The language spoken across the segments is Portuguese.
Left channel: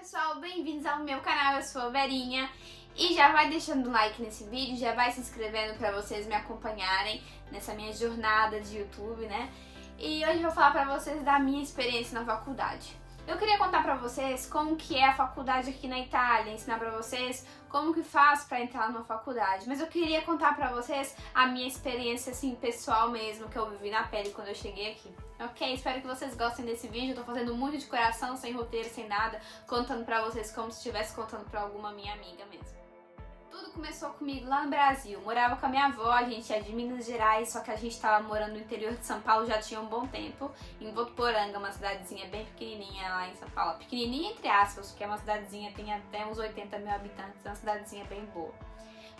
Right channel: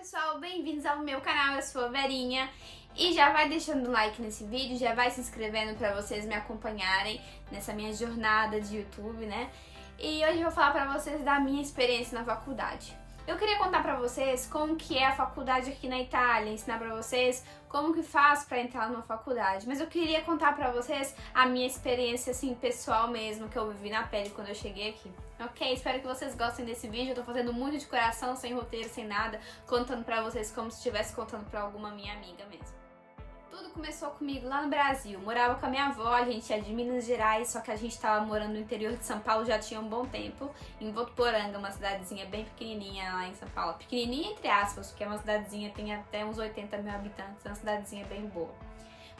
pessoal, bem-vindos ao meu canal, eu sou a Verinha. E já vai deixando um like nesse vídeo, já vai se inscrevendo pra vocês me acompanharem nessa minha jornada de YouTube, né? E hoje eu vou falar pra vocês da minha experiência na faculdade. Eu queria contar pra vocês como que é a faculdade aqui na Itália, ensinar pra vocês como que faz pra entrar numa faculdade. Mas eu queria contar pra vocês a minha experiência, assim, pessoal mesmo, que eu vivi na pele quando eu cheguei aqui. Ok? Espero que vocês gostem desse vídeo. Eu tô fazendo muito de coração, sem roteiro, sem nada, contando pra vocês como se estivesse contando pra alguma minha amiga mesmo. Tudo começou comigo lá no Brasil. Morava com a minha avó, a gente é de Minas Gerais, só que a gente tava morando no interior de São Paulo já tinha um bom tempo, em Votuporanga, uma cidadezinha bem pequenininha lá em São Paulo. Pequenininha entre aspas, porque é uma cidadezinha, tem até uns 80 mil habitantes, é uma cidadezinha bem boa.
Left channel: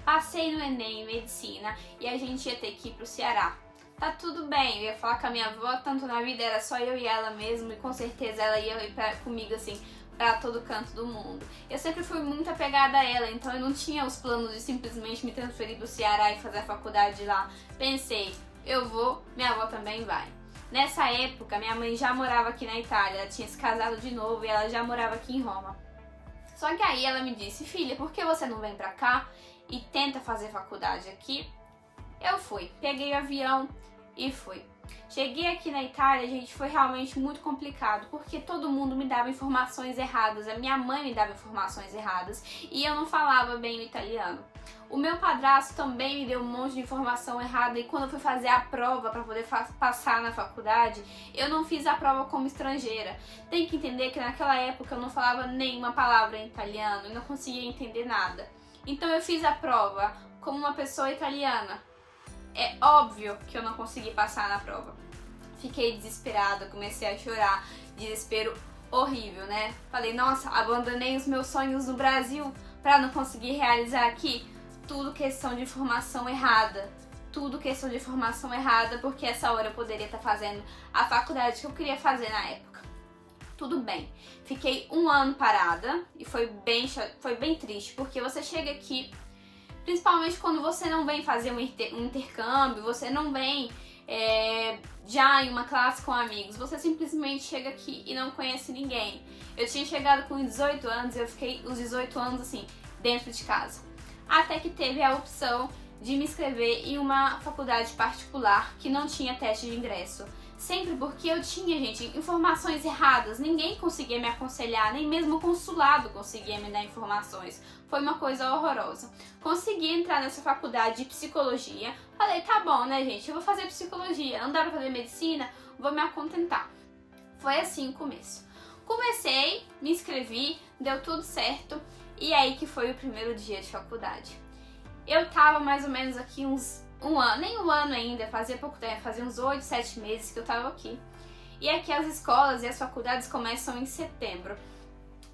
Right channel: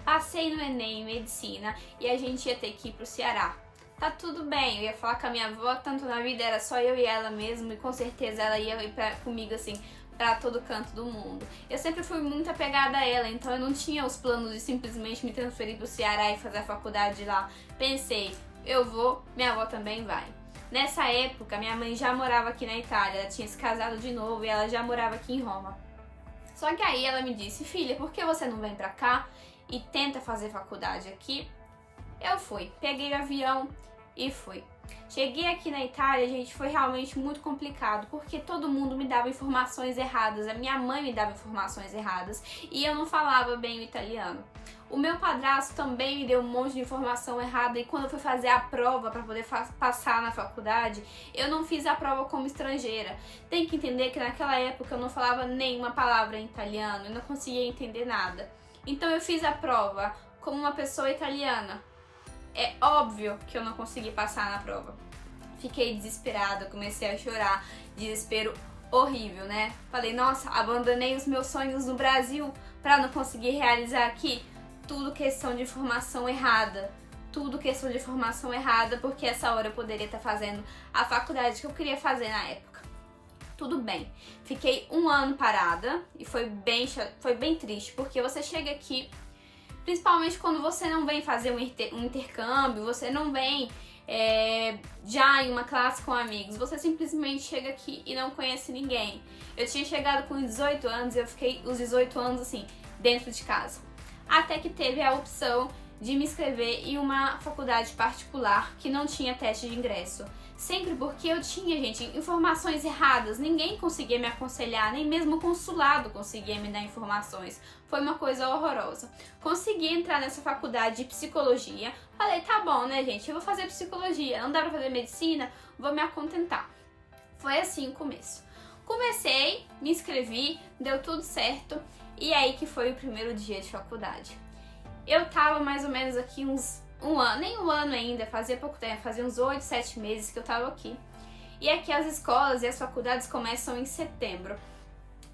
Passei no Enem, medicina, e a gente ia ter que ir pro Ceará. Tá tudo bem, eu ia falar com a minha avó, tanto na vida era só eu e ela mesmo, e com certeza ela ia ir comigo assim, pra todo canto do mundo. Eu sempre fui muito apegada a ela, então eu não tinha os planos de simplesmente me transferir pro Ceará e fazer a faculdade lá. Pensei, eu vou, minha avó também vai. Nessa época, minha mãe já morava aqui na Itália, ela tinha se casado de novo e ela já morava aqui em Roma. Só que aí ela me disse, filha, por que você não vem pra cá e tenta fazer faculdade aqui? Eu fui, peguei o avião e fui. Cheguei aqui na Itália, gente, foi realmente muito complicado, porque todo mundo me dava informações erradas, a minha mãe me dava informações erradas e eu não falava bem o italiano. O meu padrasto também me deu um monte de informação errada e quando eu fui fazer a prova para poder passar na faculdade, eu não fiz a prova como estrangeira. Tem que entender que naquela época eu não falava nenhuma palavra em italiano, eu não conseguia entender nada. Então eu fiz a prova como uma pessoa italiana. É óbvio que eu não consegui passar na prova. Fiquei desesperada, comecei a chorar, desespero horrível, né? Falei, nossa, abandonei os meus sonhos no Brasil pra não conseguir realizar aqui. Tudo questão de informação errada. Tudo questão de informação errada, porque essa hora eu poderia estar fazendo a faculdade que eu queria fazer na época. Tudo bem. Fiquei um ano parada e foi bem triste, porque você chega aqui, principalmente quando você não vem fazer um intercâmbio, você não vem já em uma classe com amigos, você simplesmente chega aqui e não conhece ninguém. Eu tinha chegado com 18 anos e eu fiquei os 18 anos assim, dentro de casa. Até que teve a opção de me inscrever em uma faculdade particular que não tinha teste de ingresso. Sempre porque eu tinha, gente, informações erradas, ninguém conseguia me aconselhar, nem mesmo o consulado conseguia me dar informações. Foi uma coisa horrorosa. Consegui entrar nessa faculdade de psicologia, falei, tá bom, né, gente, eu vou fazer psicologia, não dá pra fazer medicina, vou me acontentar. Foi assim o começo. Comecei, me inscrevi, deu tudo certo, e aí que foi o primeiro dia de faculdade. Eu tava mais ou menos aqui um ano, nem um ano ainda, fazia pouco tempo, fazia uns 8, 7 meses que eu tava aqui. E aqui as escolas e as faculdades começam em setembro.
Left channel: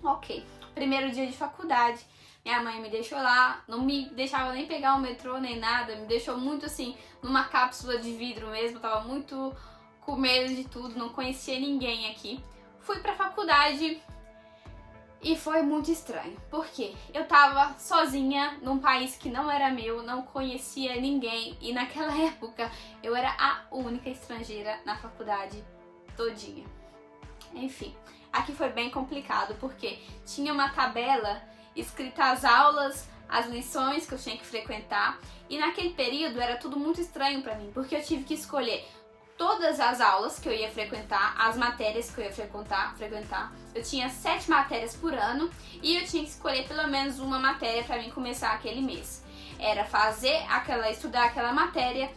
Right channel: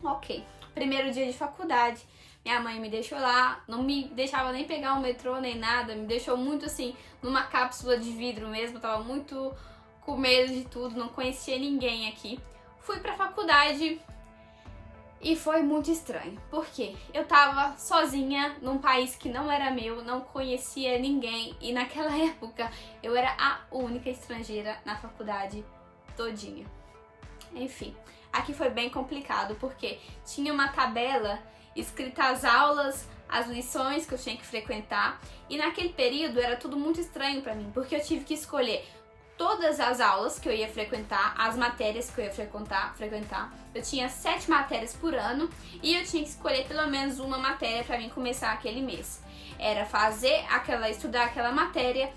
Ok, primeiro dia de faculdade, minha mãe me deixou lá, não me deixava nem pegar o metrô nem nada, me deixou muito assim, numa cápsula de vidro mesmo, tava muito com medo de tudo, não conhecia ninguém aqui. Fui pra faculdade e foi muito estranho, porque eu tava sozinha num país que não era meu, não conhecia ninguém e naquela época eu era a única estrangeira na faculdade todinha. Enfim, aqui foi bem complicado porque tinha uma tabela escrita as aulas, as lições que eu tinha que frequentar e naquele período era tudo muito estranho pra mim, porque eu tive que escolher todas as aulas que eu ia frequentar, as matérias que eu ia frequentar. Eu tinha 7 matérias por ano e eu tinha que escolher pelo menos uma matéria para mim começar aquele mês. Era estudar aquela matéria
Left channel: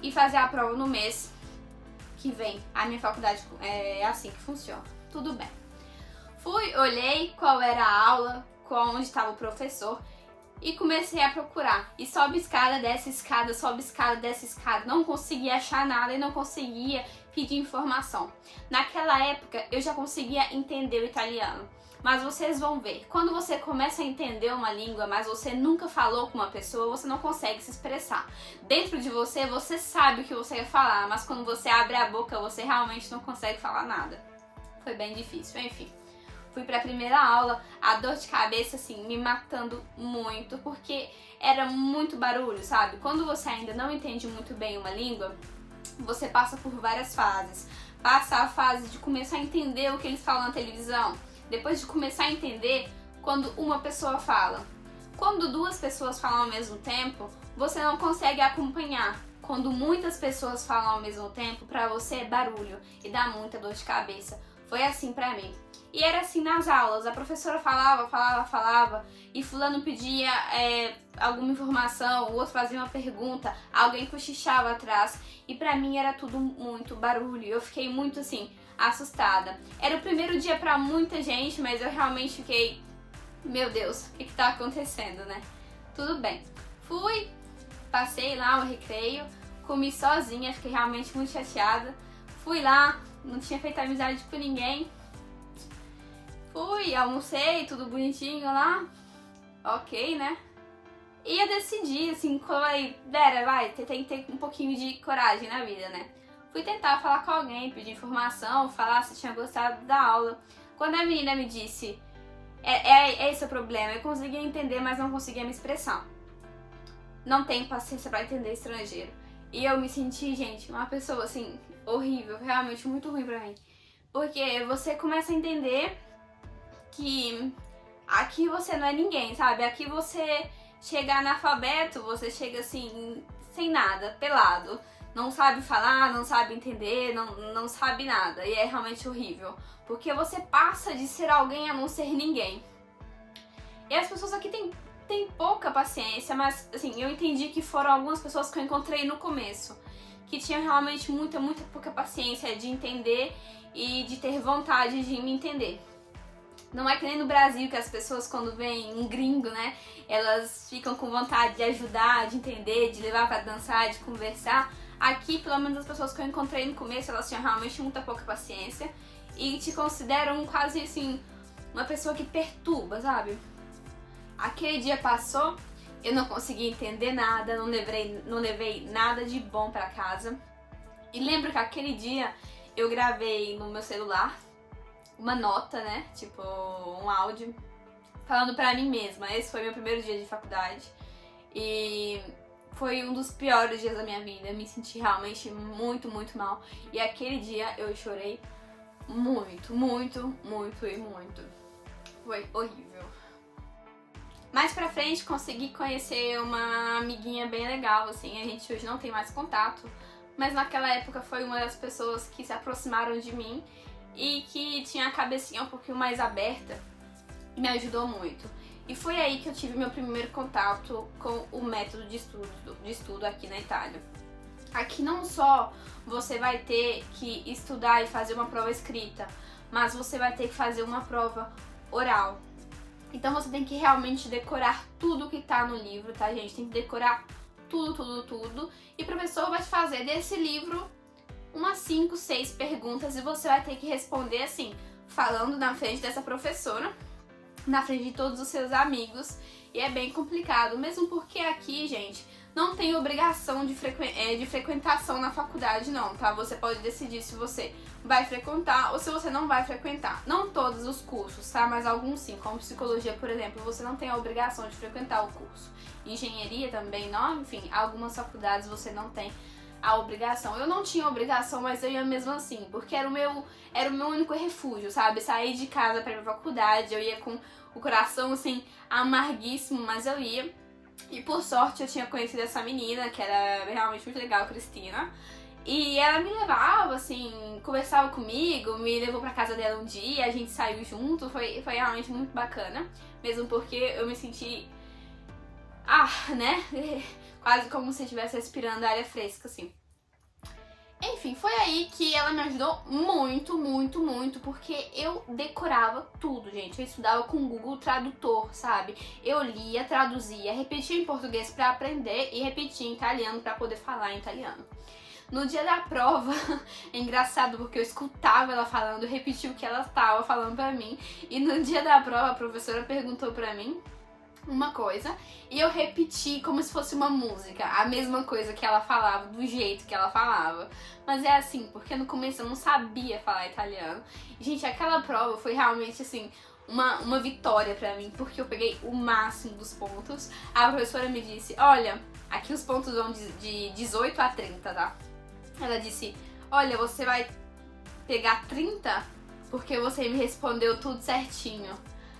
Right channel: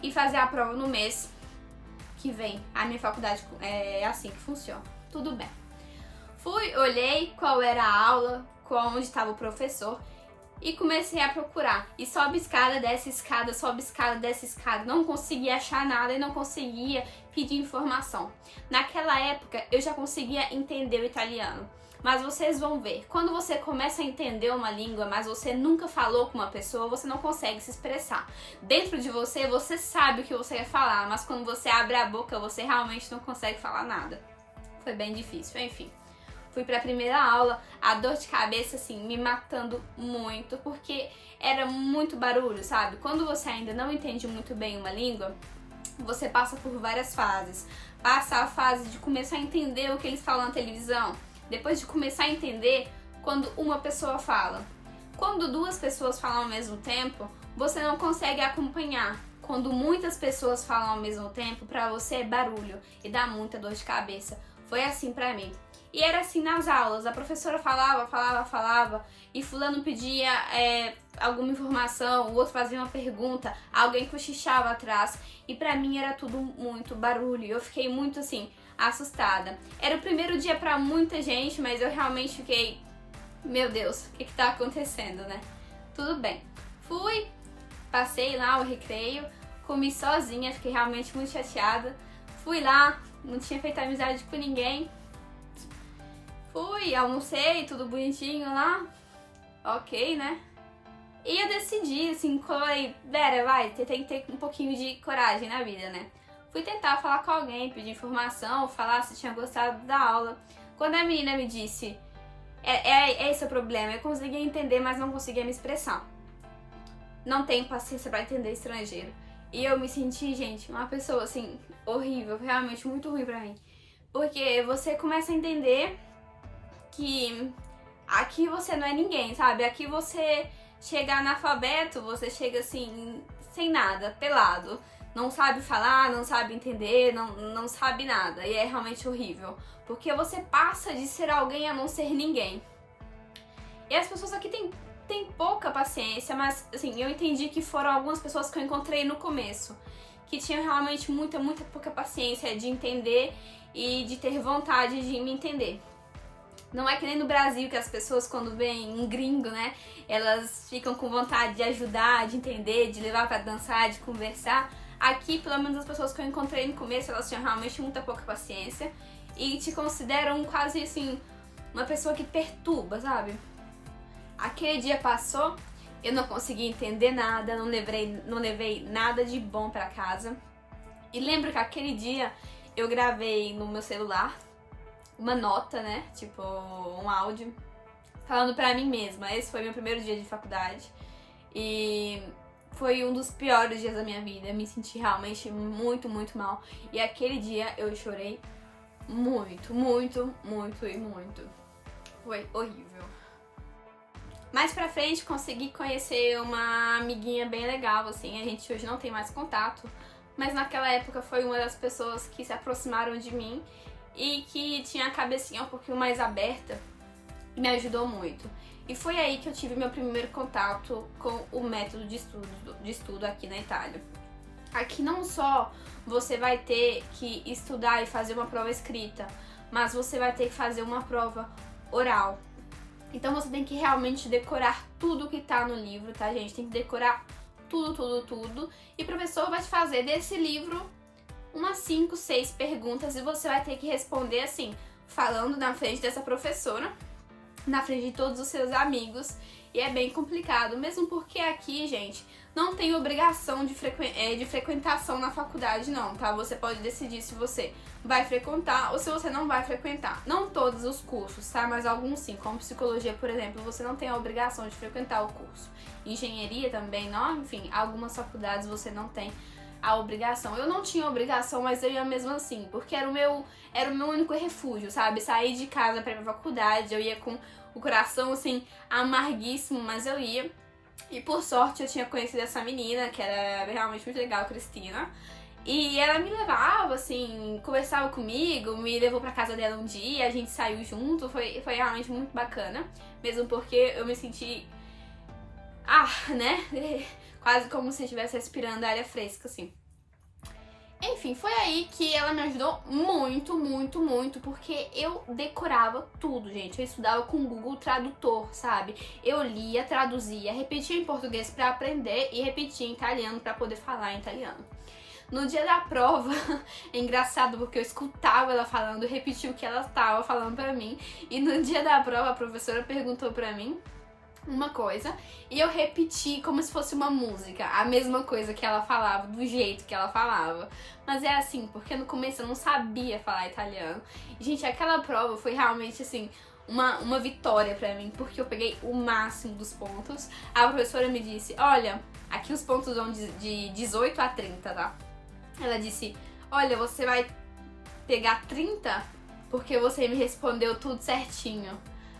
e fazer a prova no mês que vem. A minha faculdade é assim que funciona. Tudo bem. Fui, olhei qual era a aula, onde estava o professor e comecei a procurar. E sobe escada, desce escada, sobe escada, desce escada. Não conseguia achar nada e não conseguia pedir informação. Naquela época eu já conseguia entender o italiano. Mas vocês vão ver, quando você começa a entender uma língua, mas você nunca falou com uma pessoa, você não consegue se expressar. Dentro de você, você sabe o que você quer falar, mas quando você abre a boca, você realmente não consegue falar nada. Foi bem difícil, enfim. Fui pra primeira aula, a dor de cabeça, assim, me matando muito, porque era muito barulho, sabe? Quando você ainda não entende muito bem uma língua, você passa por várias fases. Passa a fase de começar a entender o que eles falam na televisão. depois de começar a entender quando uma pessoa fala. Quando duas pessoas falam ao mesmo tempo, você não consegue acompanhar. Quando muitas pessoas falam ao mesmo tempo, pra você é barulho e dá muita dor de cabeça. Foi assim pra mim. E era assim nas aulas, a professora falava, e fulano pedia alguma informação, o outro fazia uma pergunta, alguém cochichava atrás, e pra mim era tudo muito barulho. Eu fiquei muito assim, assustada. Era o primeiro dia pra muita gente, mas eu realmente fiquei, meu Deus, o que tá acontecendo, né? Tudo bem. Fui, passei lá o recreio, comi sozinha, fiquei realmente muito chateada. Fui lá, não tinha feito amizade com ninguém. Fui, almocei, tudo bonitinho lá. Ok, né? E eu decidi, assim, falei, Vera, vai, você tem que ter um pouquinho de coragem na vida, né? Fui tentar falar com alguém, pedir informação, falar se tinha gostado da aula. Quando a menina me disse, esse o problema, eu conseguia entender, mas não conseguia me expressar. Não tenho paciência pra entender estrangeiro. E eu me senti, gente, uma pessoa, assim, horrível, realmente muito ruim pra mim. Porque você começa a entender que aqui você não é ninguém, sabe? Aqui você chega analfabeto, você chega assim, sem nada, pelado. Não sabe falar, não sabe entender, não sabe nada. E é realmente horrível. Porque você passa de ser alguém a não ser ninguém. E as pessoas aqui têm pouca paciência, mas assim, eu entendi que foram algumas pessoas que eu encontrei no começo. Que tinham realmente muita pouca paciência de entender e de ter vontade de me entender. Não é que nem no Brasil, que as pessoas quando veem um gringo, né, elas ficam com vontade de ajudar, de entender, de levar pra dançar, de conversar. Aqui, pelo menos as pessoas que eu encontrei no começo, elas tinham realmente muita pouca paciência e te consideram quase assim, uma pessoa que perturba, sabe? Aquele dia passou, eu não consegui entender nada, não levei nada de bom pra casa. E lembro que aquele dia eu gravei no meu celular uma nota, né, tipo um áudio, falando pra mim mesma. Esse foi meu primeiro dia de faculdade e foi um dos piores dias da minha vida. Eu me senti realmente muito mal. E aquele dia eu chorei muito. Foi horrível. Mais pra frente consegui conhecer uma amiguinha bem legal, assim, a gente hoje não tem mais contato, mas naquela época foi uma das pessoas que se aproximaram de mim e que tinha a cabecinha um pouquinho mais aberta e me ajudou muito. E foi aí que eu tive meu primeiro contato com o método de estudo aqui na Itália. Aqui não só você vai ter que estudar e fazer uma prova escrita, mas você vai ter que fazer uma prova oral. Então você tem que realmente decorar tudo que tá no livro, tá, gente? Tem que decorar tudo. E o professor vai te fazer desse livro umas 5, 6 perguntas e você vai ter que responder assim, falando na frente dessa professora, na frente de todos os seus amigos. E é bem complicado, mesmo porque aqui, gente, não tem obrigação de frequentação na faculdade não, tá? Você pode decidir se você vai frequentar ou se você não vai frequentar. Não todos os cursos, tá? Mas alguns sim, como psicologia, por exemplo, você não tem a obrigação de frequentar o curso. Engenharia também, não, enfim, algumas faculdades você não tem a obrigação. Eu não tinha obrigação, mas eu ia mesmo assim, porque era o meu único refúgio, sabe? Sair de casa pra ir pra faculdade, eu ia com o coração assim, amarguíssimo, mas eu ia. E por sorte eu tinha conhecido essa menina, que era realmente muito legal, Cristina. E ela me levava, assim, conversava comigo, me levou pra casa dela um dia, a gente saiu junto, foi realmente muito bacana. Mesmo porque eu me senti, né, quase como se estivesse respirando área fresca, assim. Enfim, foi aí que ela me ajudou muito, porque eu decorava tudo, gente. Eu estudava com o Google Tradutor, sabe? Eu lia, traduzia, repetia em português pra aprender e repetia em italiano pra poder falar em italiano. No dia da prova, é engraçado porque eu escutava ela falando, repetia o que ela estava falando pra mim. E no dia da prova, a professora perguntou pra mim uma coisa e eu repeti como se fosse uma música, a mesma coisa que ela falava, do jeito que ela falava. Mas é assim, porque no começo eu não sabia falar italiano. E, gente, aquela prova foi realmente assim, uma vitória pra mim, porque eu peguei o máximo dos pontos. A professora me disse, olha, aqui os pontos vão de 18 a 30, tá? Ela disse, olha, você vai pegar 30 porque você me respondeu tudo certinho.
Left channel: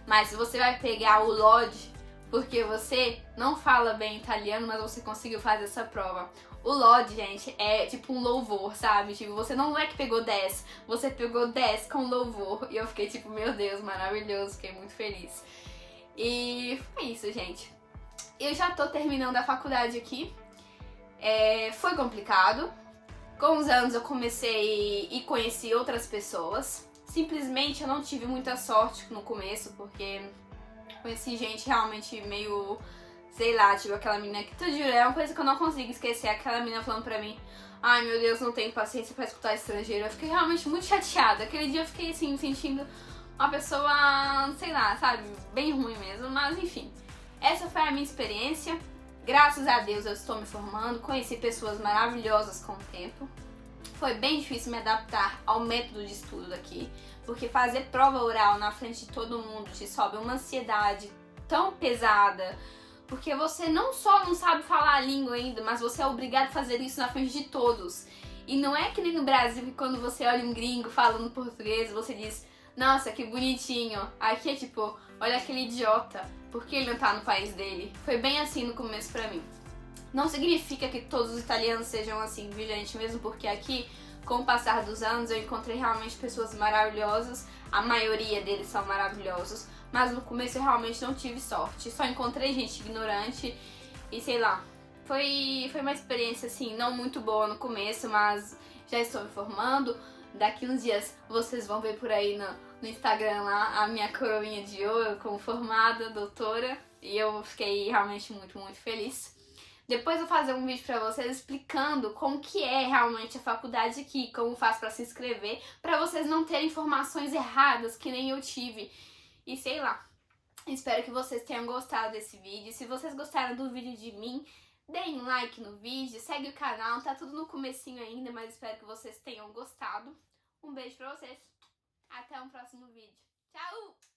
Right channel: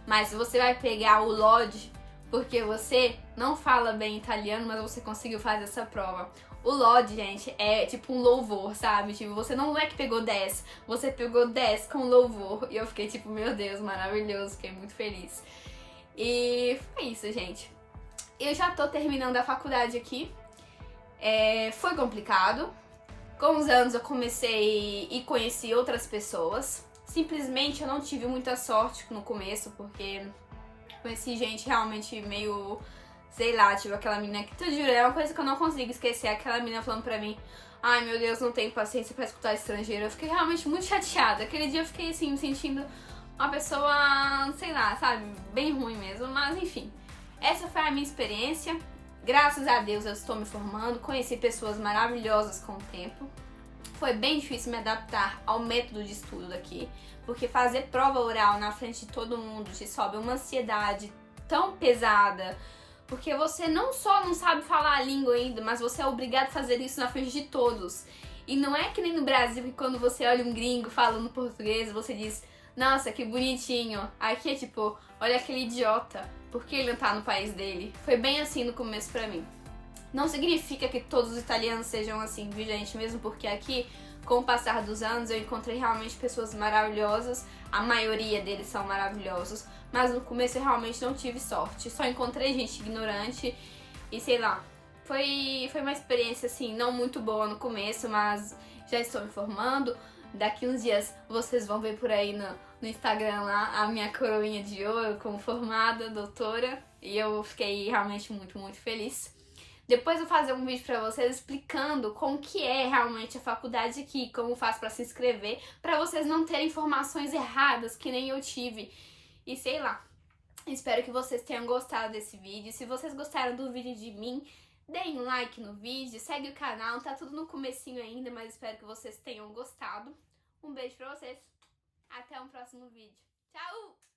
Mas você vai pegar o lode porque você não fala bem italiano, mas você conseguiu fazer essa prova. O lode, gente, é tipo um louvor, sabe? Tipo, você não é que pegou 10, você pegou 10 com louvor. E eu fiquei tipo, meu Deus, maravilhoso, fiquei muito feliz. E foi isso, gente. Eu já tô terminando a faculdade aqui. Foi complicado. Com os anos eu comecei e conheci outras pessoas. Simplesmente eu não tive muita sorte no começo, porque conheci gente realmente meio, sei lá, tipo aquela menina que, tu jura, é uma coisa que eu não consigo esquecer, aquela menina falando pra mim, ai meu Deus, não tenho paciência pra escutar estrangeiro. Eu fiquei realmente muito chateada. Aquele dia eu fiquei assim, me sentindo uma pessoa, sei lá, sabe, bem ruim mesmo, mas enfim. Essa foi a minha experiência. Graças a Deus eu estou me formando, conheci pessoas maravilhosas com o tempo. Foi bem difícil me adaptar ao método de estudo daqui, porque fazer prova oral na frente de todo mundo te sobe uma ansiedade tão pesada, porque você não só não sabe falar a língua ainda, mas você é obrigado a fazer isso na frente de todos. E não é que nem no Brasil, que quando você olha um gringo falando português, você diz, nossa, que bonitinho. Aqui é tipo, olha aquele idiota, por que ele não tá no país dele? Foi bem assim no começo pra mim. Não significa que todos os italianos sejam assim, viu, gente? Mesmo porque aqui, com o passar dos anos, eu encontrei realmente pessoas maravilhosas. A maioria deles são maravilhosos. Mas no começo eu realmente não tive sorte. Só encontrei gente ignorante e sei lá. Foi uma experiência, assim, não muito boa no começo, mas já estou me formando. Daqui uns dias vocês vão ver por aí no Instagram lá a minha coroinha de ouro como formada, doutora. E eu fiquei realmente muito, muito feliz. Depois eu vou fazer um vídeo pra vocês explicando como que é realmente a faculdade aqui, como faz pra se inscrever, pra vocês não terem informações erradas, que nem eu tive. E sei lá, espero que vocês tenham gostado desse vídeo. Se vocês gostaram do vídeo de mim, deem um like no vídeo, segue o canal, tá tudo no comecinho ainda, mas espero que vocês tenham gostado. Um beijo pra vocês, até um próximo vídeo. Tchau!